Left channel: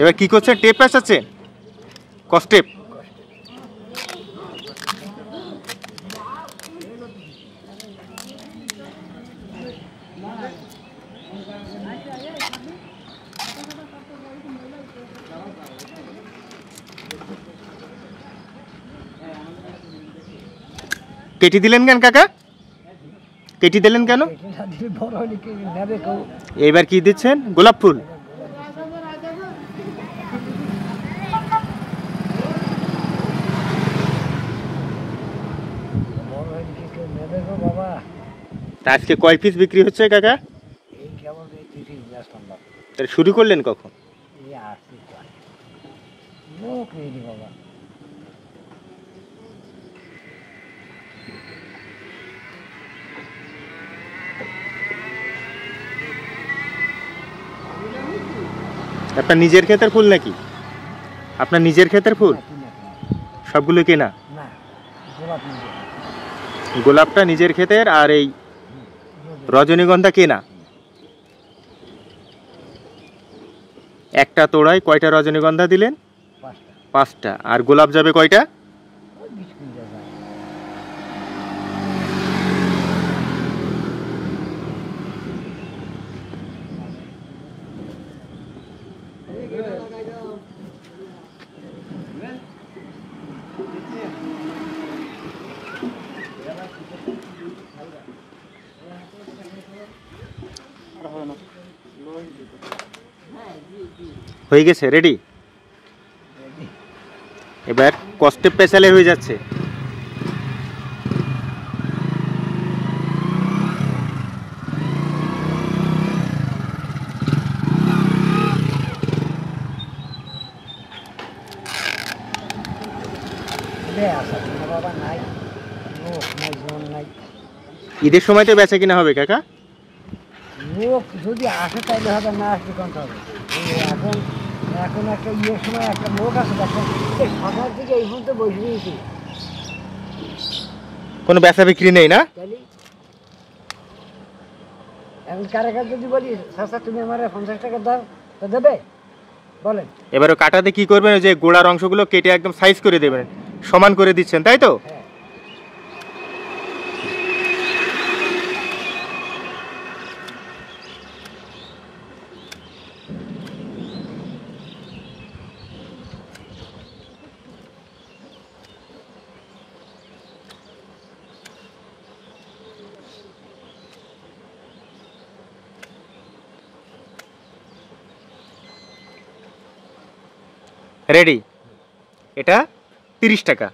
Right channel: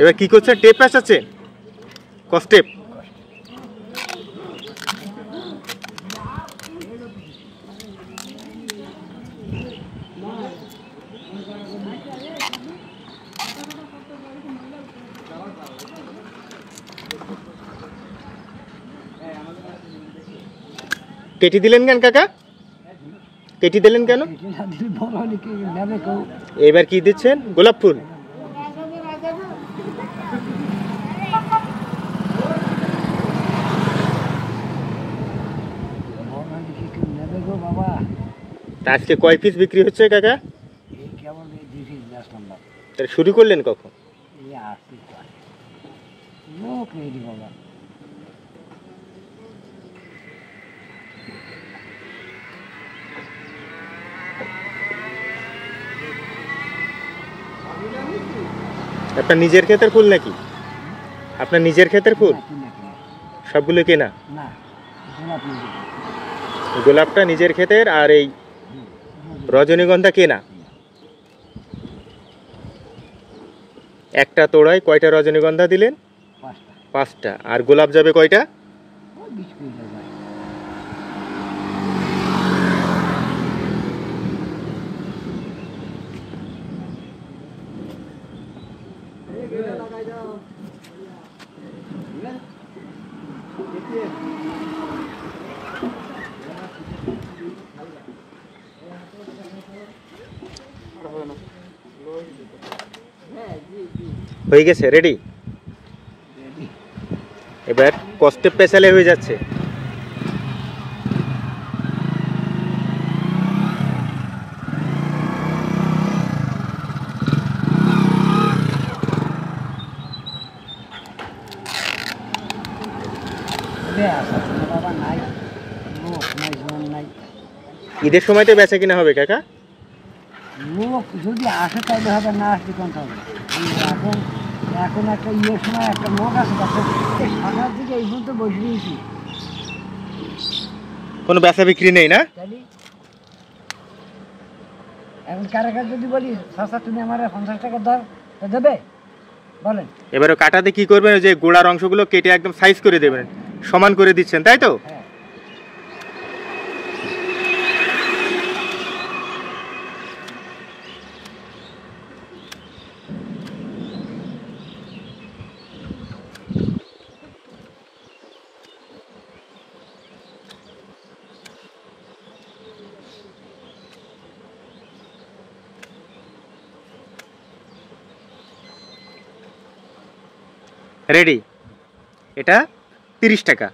এবার কি করছেন? টেপ পেঁচাচ্ছে, কস্টেপ। কেটে দিলেন কেন কাকা? কেটে দিলেন কেন? এবার কি দিচ্ছেন? গোলাপ ফুল। আজকে কয় পিস বিক্রি হচ্ছে কাকা? শুরু করলেন কখন? আপনার নিজের ক্ষেতের ফুল নাকি? আপনার নিজের ক্ষেতের ফুল? সবগুলো কেনা? গোলাপটা নিজের ক্ষেতের, আর এই রজনীগন্ধা কেনা। একটা তোড়ায় কয়টা রজনীগন্ধা দিলেন? 5টা। আর গোলাপ যাবে কয়টা? হয়ে গেছে, রেডি। এবার কস্টেপ পেছালে হয়ে যাচ্ছে। ঈদের সময় তো বেচা কিনা হবে কাকা? লোক যদি আসে তাহলে হবে, না আসলে কোনটা হবে। এখন এখন একটা ইয়ের সময় একটা লোক আছে, সকাল থেকে এই পর্যন্ত বসে দিয়েছি, কোনো বেচা বিক্রি নেই না? এখন কারাকার যদি বলি সস্তা তুমি আমার 50 টাকা দাও, তা দেবে বলেন? এবারে কাটাতে কি করবেন? যে গোড়ার অংশগুলো কেটে একদম সাইজ করে দেবেন, সমান করে দিচ্ছেন, তাই তো? রেডি। এটা 30 টাকা।